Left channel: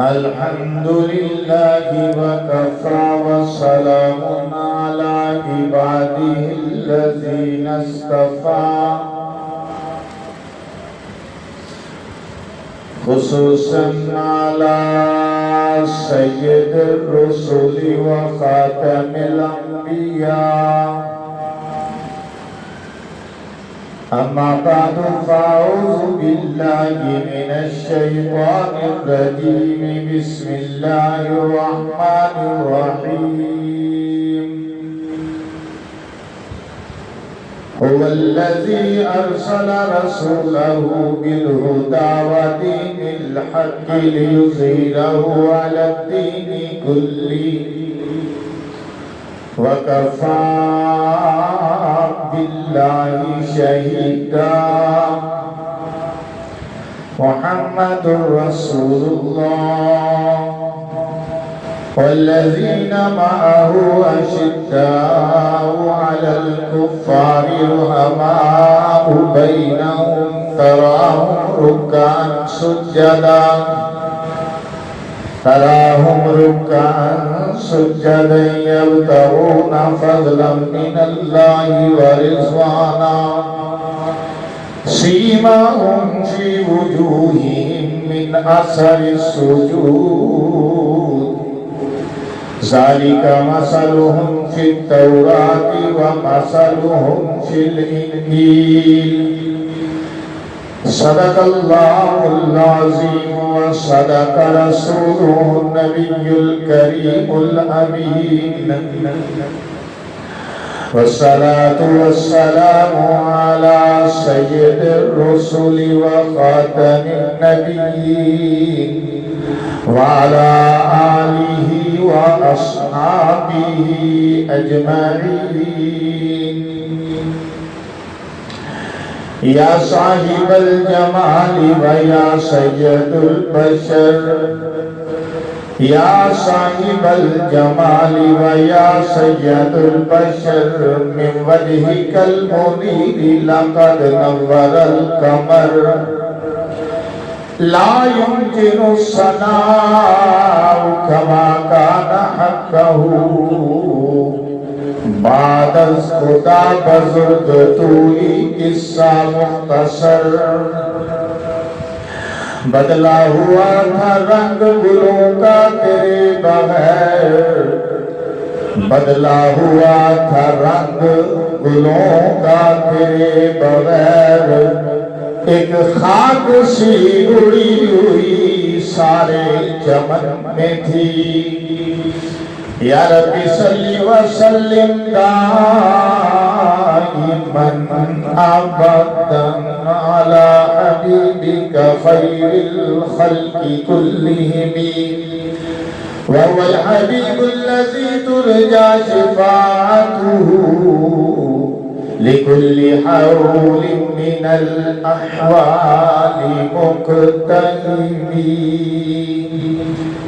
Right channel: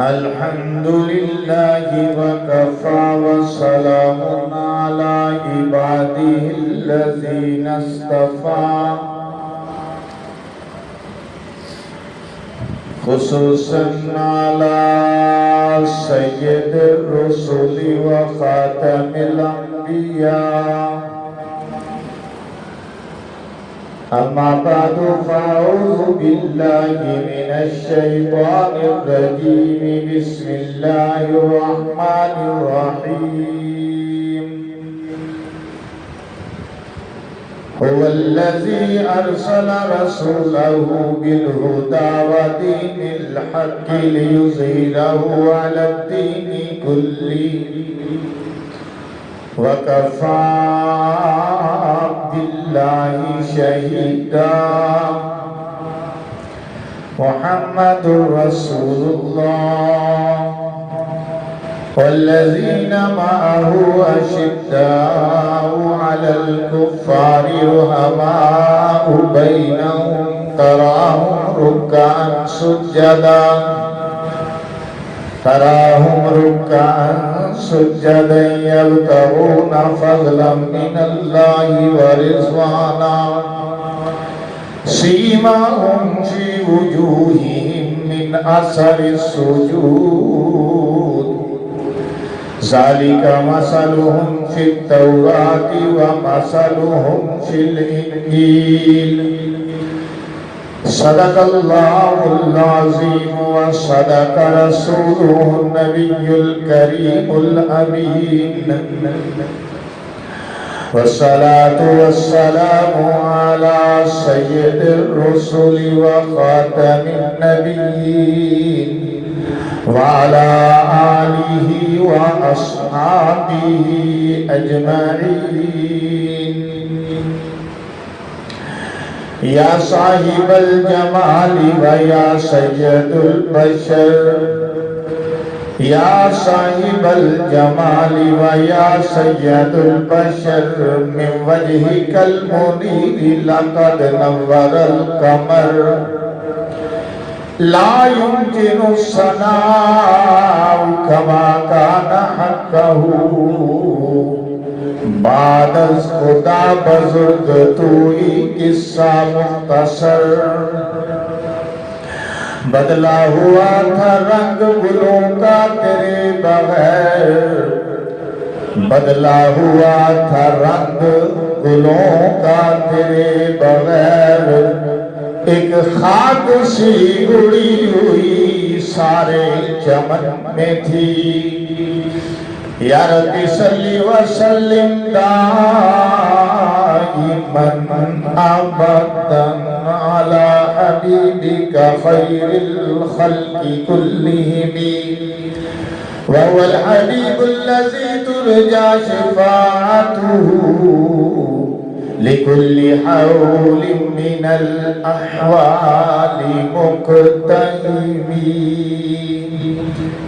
الحمد لله وكفى وسلام على عباده الذين اصطفى خصوصا على سيد الرسل وخاتم الأنبياء أما بعد فأعوذ بالله من الشيطان الرجيم بسم الله الرحمن الرحيم هو الذي أرسل رسوله بالهدى ودين الحق ليظهره على الدين كله وكفى بالله شهيدا محمد رسول الله والذين معه أشداء على الكفار رحماء بينهم تراهم ركعا سجدا يبتغون فضلا من الله ورضوانا سيماهم في وجوههم من أثر السجود ذلك مثلهم في التوراة ومثلهم في الإنجيل صدق الله العظيم وصدق رسوله النبي الكريم الأمين والصلاة والسلام على سيد الرسل وخاتم النبيين وعلى آله وأصحابه أجمعين يا صاحب الجمال ويا سيد البشر يا صاحب الجمال ويا سيد البشر من وجهك المنير لقد نور القمر لا يمكن الصناع كما كان حقه بعد از خدا بزرگ توئی قصہ مختصر بدلا ہوا تھا رنگ گلوں کا تیرے بغیر بدلا ہوا تھا رنگ گلوں کا تیرے بغیر ایک خاک سی اڑی ہوئی سارے چمن میں تھی یا ربی صلی وسلم دائما ابدا علی حبیبک خیر الخلق كلهم وهو الحبیب الذی ترجى شفاعته لكل حول من الأحوال مقتحم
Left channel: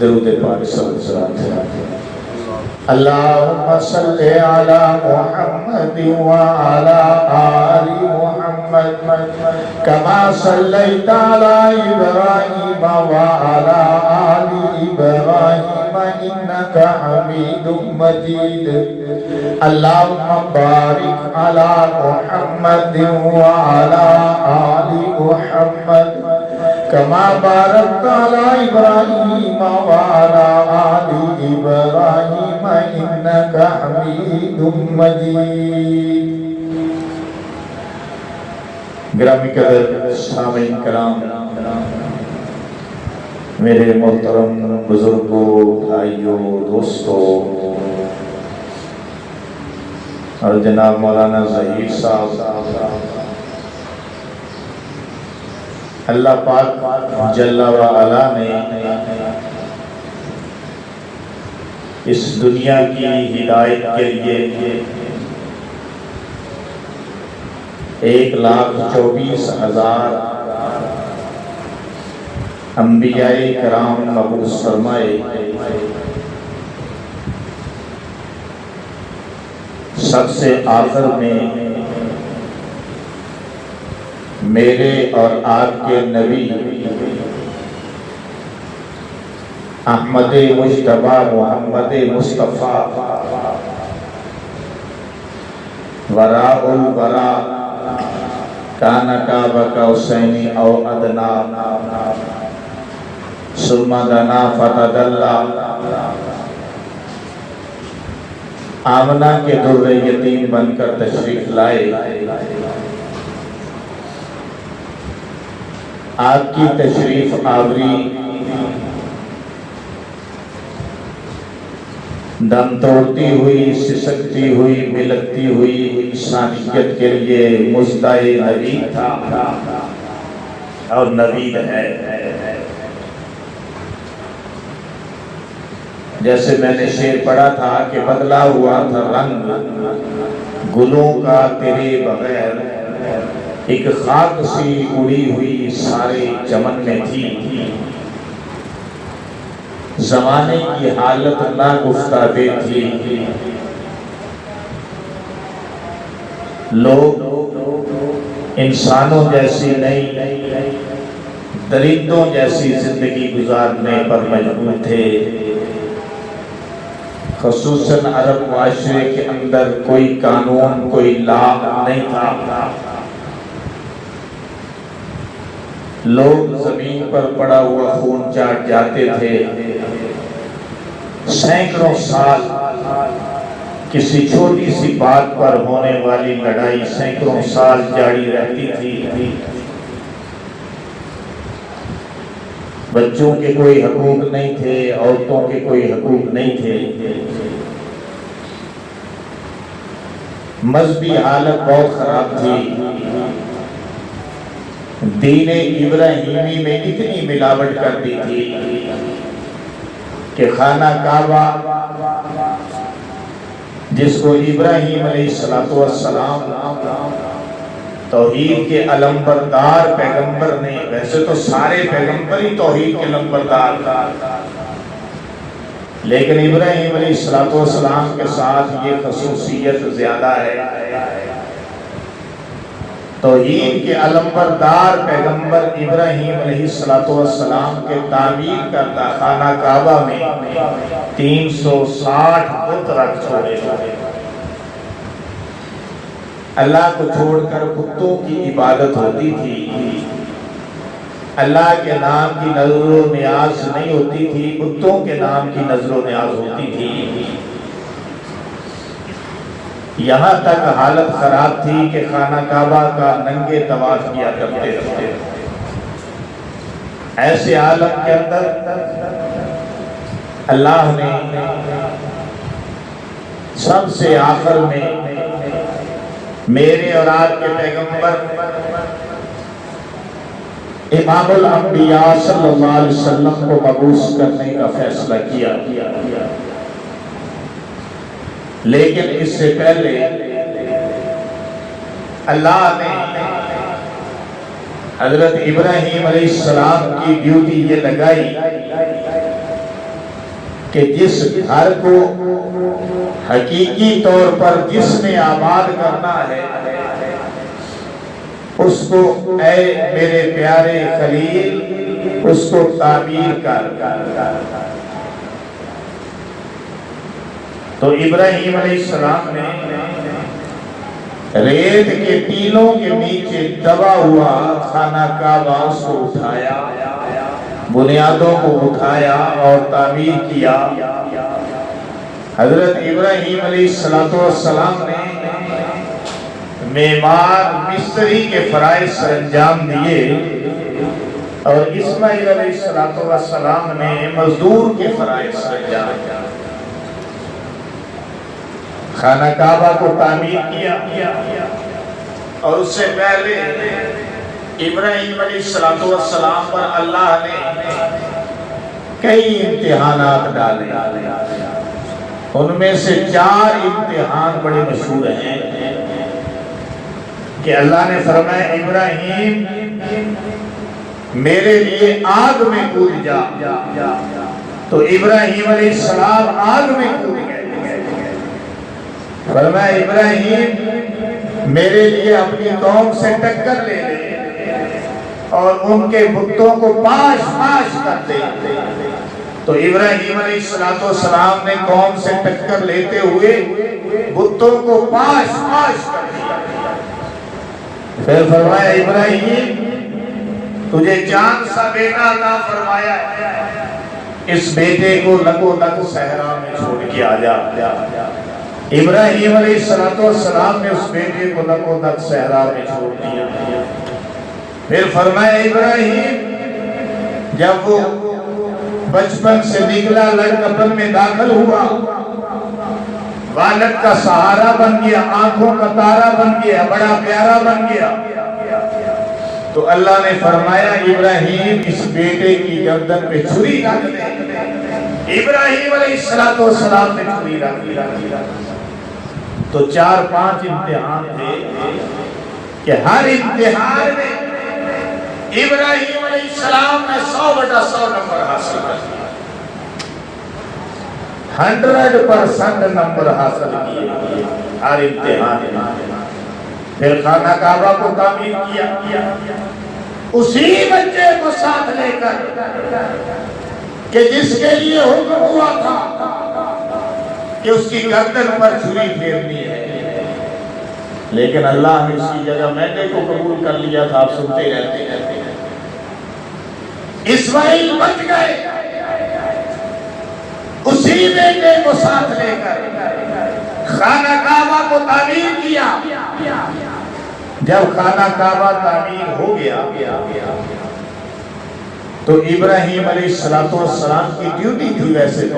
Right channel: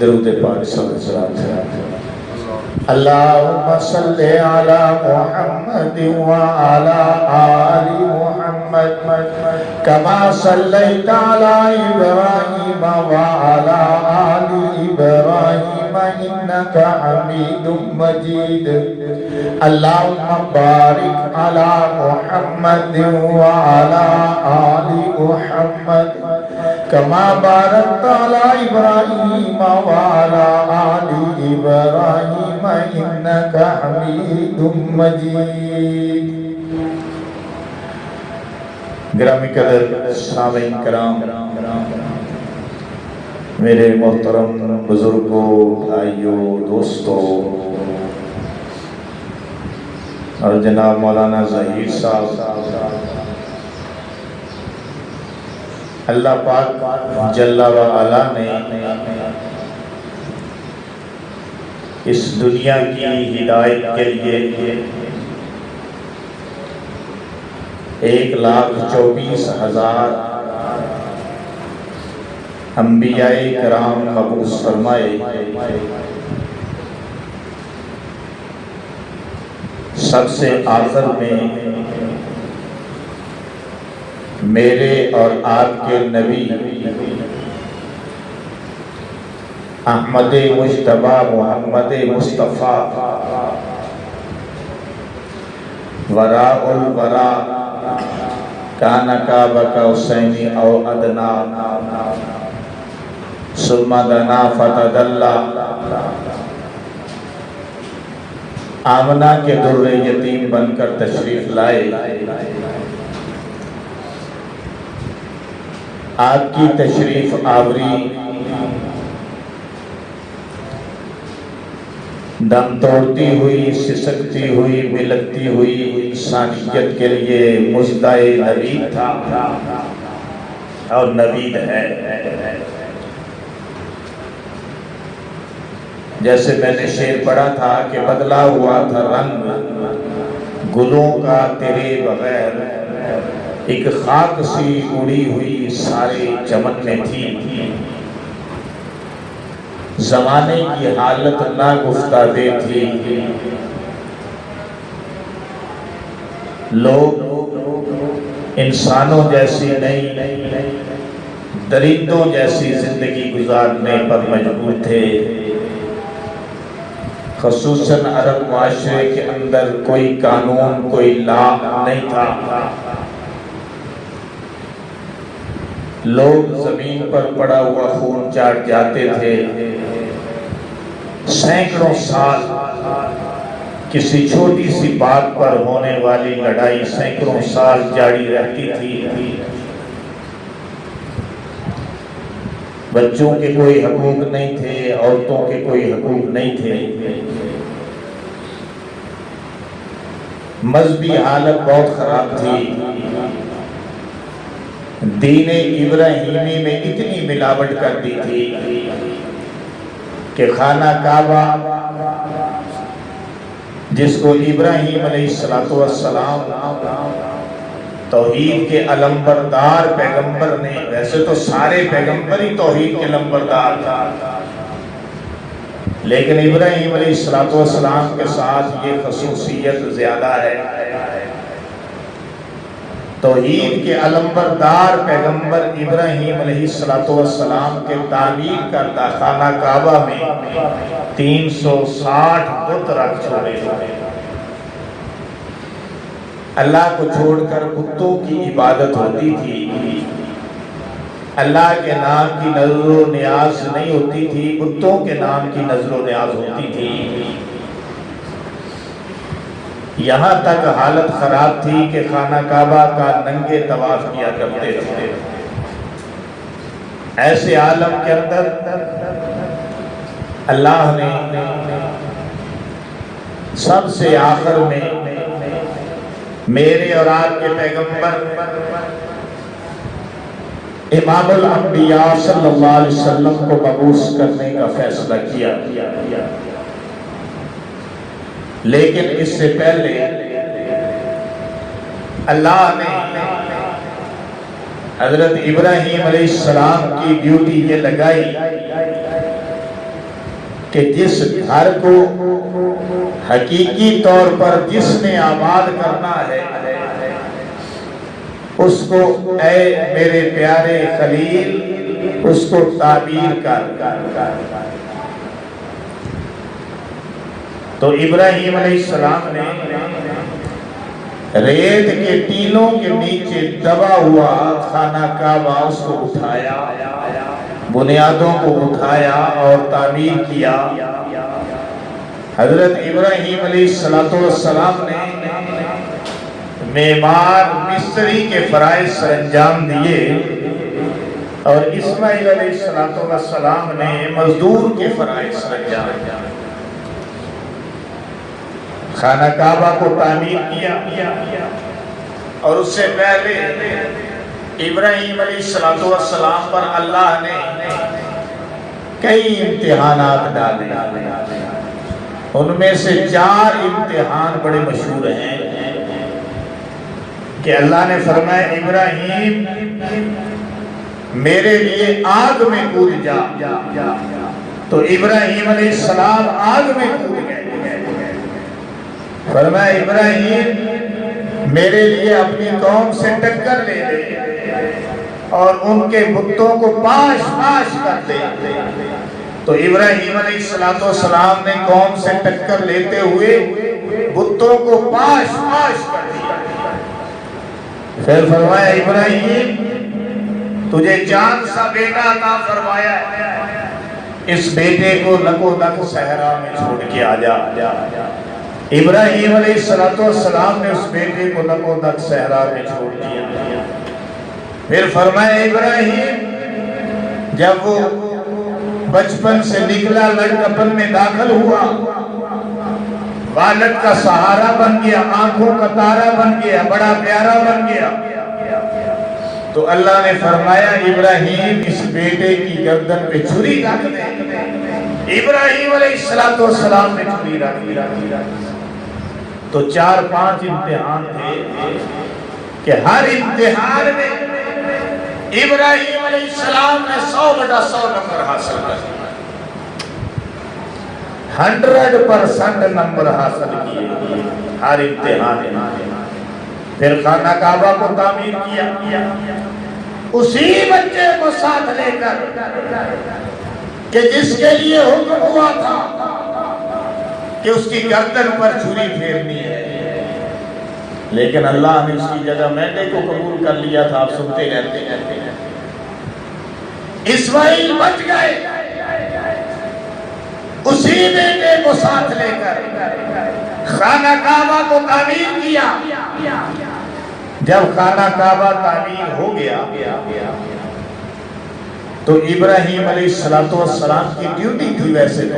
درود پاک صلی اللہ علیہ وسلم اللهم صل على محمد وعلى آل محمد كما صليت على إبراهيم وعلى آل إبراهيم إنك حميد مجيد اللهم بارك على محمد وعلى آل محمد كما باركت على إبراهيم وعلى آل إبراهيم إنك حميد مجيد گرامی قدر سامعین کرام میرے محترم بزرگوں بھائیوں دوستوں اور جناب مولانا ظہیر صاحب اللہ پاک جل و علا نے اس دنیا کی ہدایت کے لیے 1,24,000 انبیاء کرام مبعوث فرمائے سب سے آخر میں میرے اور آپ کے نبی احمد مجتبی محمد مصطفیٰ وراء الوراء کان قاب قوسین او ادنی ثم دنا فتدلی آمنہ کے در یتیم بن کر تشریف لائے۔ آپ کی تشریف آوری دم توڑتی ہوئی، سسکتی ہوئی، ملکتی ہوئی انسانیت کے لیے مژدہ نوید تھا اور نوید ہے۔ جیسے میں نے شعر پڑھا تھا کہ بدلا ہوا تھا رنگ گلوں کا تیرے بغیر، ایک خاک سی اڑی ہوئی سارے چمن میں تھی، زمانے کی حالت نہ گفتادے تھی، لوگ انسانوں جیسی نہیں درندوں جیسی زندگی گزارنے پر مجبور تھے۔ خصوصاً عرب معاشرے کے اندر کوئی قانون، کوئی لا نہیں تھا، لوگ زمین پر پڑا ہوا خون چاٹ جاتے تھے، سینکڑوں سال کسی چھوٹی سی بات پر ہونے والی لڑائی سینکڑوں سال جاری رہتی تھی، بچوں کے کوئی حقوق نہیں تھے، عورتوں کے کوئی حقوق نہیں تھے، مذہبی حالت بہت خراب تھی، دین ابراہیمی میں اتنی ملاوٹ کر دی تھی کہ خانہ کعبہ جس کو ابراہیم علیہ السلام توحید کے علمبردار پیغمبر نے، ویسے تو سارے پیغمبر ہی توحید کے علمبردار تھا، لیکن ابراہیم علیہ السلام کے ساتھ یہ خصوصیت زیادہ ہے، توحید کے علمبردار پیغمبر ابراہیم علیہ السلام کے تعمیر کردہ خانہ کعبہ میں 360 بت رکھ چھوڑے، اللہ کو چھوڑ کر بتوں کی عبادت ہوتی تھی، اللہ کے نام کی نظر و نیاز نہیں ہوتی تھی، بتوں کے نام کی نظر و نیاز ہوتی تھی۔ یہاں تک حالت خراب تھی کہ خانہ کعبہ کا ننگے طواف کیا کرتے تھے۔ ایسے عالم کے اندر اللہ نے سب سے آخر میں میرے اور آپ کے پیغمبر امام الانبیاء صلی اللہ علیہ وسلم کو مبعوث کرنے کا فیصلہ کیا، لیکن اس سے پہلے اللہ نے حضرت ابراہیم علیہ السلام کی ڈیوٹی یہ لگائی کہ جس گھر کو حقیقی طور پر جس نے آباد کرنا ہے اس کو اے میرے پیارے خلیل اس کو تعمیر کر۔ تو ابراہیم علیہ السلام نے ریت کے ٹینوں کے نیچے دبا ہوا خانہ کعبہ اس کو اٹھایا، بنیادوں کو اٹھایا اور تعمیر کیا۔ حضرت ابراہیم علیہ السلام نے معمار مستری کے فرائض سر انجام دیے اور اسماعیل علیہ السلام نے مزدور کے فرائض سر انجام دیا۔ خانہ کعبہ کو تعمیر کیا اور اس سے پہلے ابراہیم علیہ السلام پر اللہ نے کئی امتحانات ڈالے، ان میں سے 4 امتحان بڑے مشہور ہیں کہ اللہ نے فرمایا ابراہیم میرے لیے آگ میں کود جا، تو ابراہیم علیہ السلام آگ میں کود گئے۔ فرمایا ابراہیم میرے لیے اپنی قوم سے ٹکر لے لے اور ان کے بتوں کو پاش پاش کر دے، تو ابراہیم علیہ السلام نے قوم سے ٹکر لیتے ہوئے بتوں کو پاش پاش کر دیا. پھر فرمایا ابراہیم تجھے جان سا بیٹا عطا فرمایا ہے، اس بیٹے کو نگو نگ صحرا میں چھوڑ کے آ جا. ابراہیم علیہ السلام نے اس بیٹے کو نگو نگ صحرا میں چھوڑ دیا. پھر فرمایا ابراہیم جب وہ بچپن سے نکلا لڑکپن میں داخل ہوا، والد کا سہارا بن گیا، آنکھوں کا تارا بن گیا، بڑا پیارا بن گیا، تو اللہ نے فرمایا ابراہیم اس بیٹے کی گردن پہ چھری رکھ دے. ابراہیم علیہ السلام نے چھری رکھ دی. تو 4-5 امتحان تھے کہ ہر امتحان میں ابراہیم علیہ السلام نے 100/100 نمبر حاصل کر دیا. 100% نمبر حاصل کیے ہر امتحان میں. پھر خانہ کعبہ کو تعمیر کیا، اسی بچے کو ساتھ لے کر کہ جس کے لیے حکم ہوا تھا کہ اس کی گردن پر چھری پھیرنی ہے، لیکن اللہ نے اس کی جگہ مینڈے کو قبول کر لیا تھا. آپ سنتے رہتے ہیں اسماعیل بچ گئے، اسی بیٹے کو ساتھ لے کر خانہ کعبہ کو تعمیر کیا. جب خانہ کعبہ تعمیر ہو گیا تو ابراہیم علیہ السلام کی ڈیوٹی تھی ویسے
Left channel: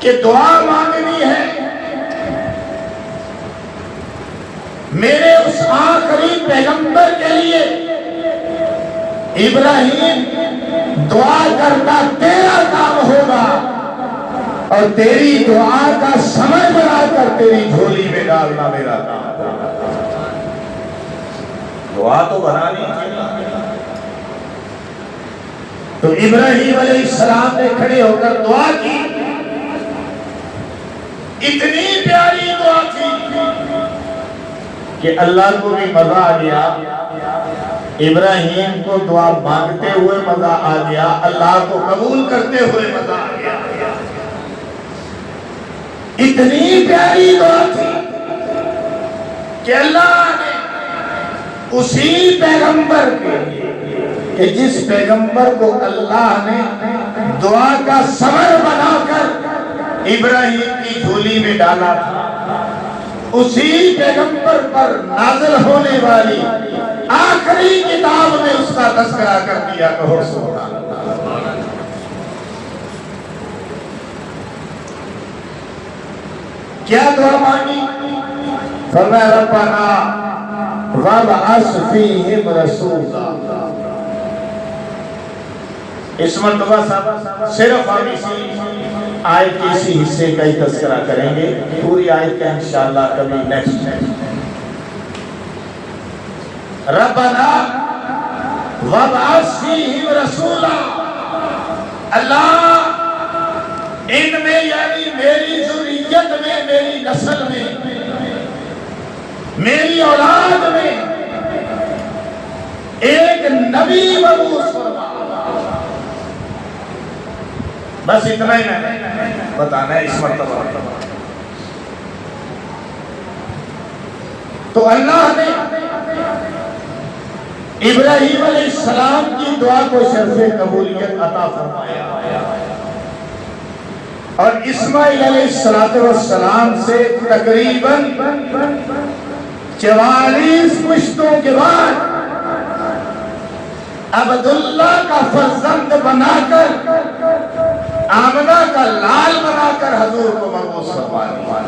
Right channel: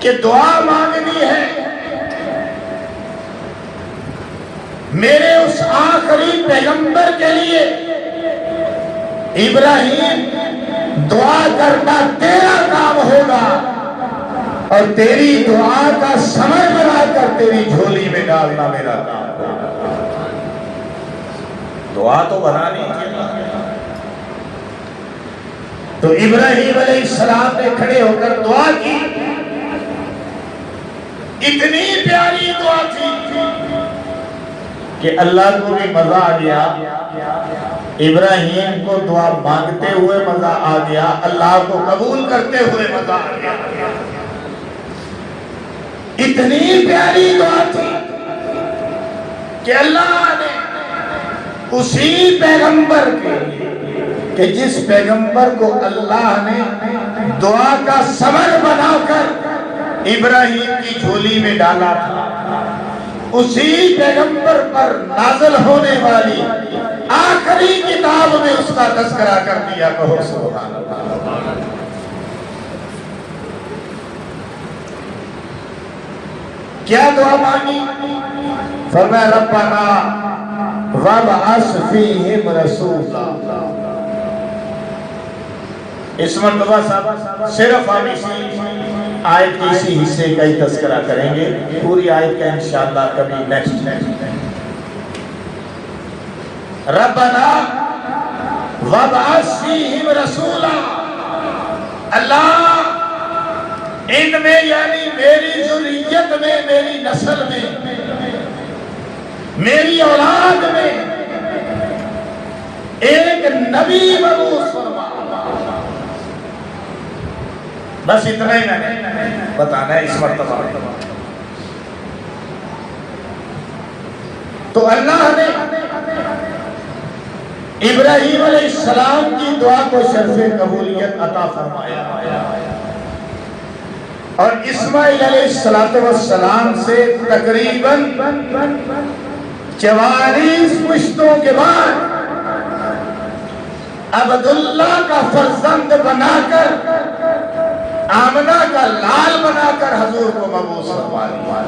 کہ دعا مانگنی ہے میرے اس آخری پیغمبر کے لیے. ابراہیم دعا کرنا تیرا کام ہوگا اور تیری دعا کا ثمر بنا کر تیری جھولی میں ڈالنا میرا کام ہوگا. دعا تو بنانی ہے. تو ابراہیم علیہ السلام نے کھڑے ہو کر دعا کی. اتنی پیاری دعا تھی کہ اللہ کو بھی مزہ آ گیا، ابراہیم کو دعا مانگتے ہوئے مزہ آ گیا، اللہ کو قبول کرتے ہوئے مزہ آ گیا. اتنی پیاری دعا تھی کہ اللہ نے اسی پیغمبر کے کہ جس پیغمبر کو اللہ نے دعا کا ثمر بنا کر ابراہیم کی جھولی میں ڈالا تھا، اسی پیغمبر پر نازل ہونے والی آخری کتاب میں اس کا تذکرہ کر دیا. کہو سبحان اللہ. کیا دعا مانگی؟ فرمایا ربنا وابعث فیہم رسولا. اس مرتبہ صرف ہم اسی آیت کے اسی حصے کا ہی تذکرہ کریں گے، پوری آیت کا انشاءاللہ کبھی نیکسٹ. ربنا وابعث فیہم رسولا. اللہ ان میں یعنی میری ذریت میں، میری نسل میں، میری اولاد میں ایک نبی مبعوث فرما. بس اتنا ہی میں نے بتانا ہے اس مرتبہ. تو اللہ نے ابراہیم علیہ السلام کی دعا کو شرف قبولیت عطا فرمایا اور اسماعیل علیہ السلام سے تقریباً 44 پشتوں کے بعد عبداللہ کا فرزند بنا کر، آمنہ کا لال بنا کر حضور کو مبعوث فرما دیا.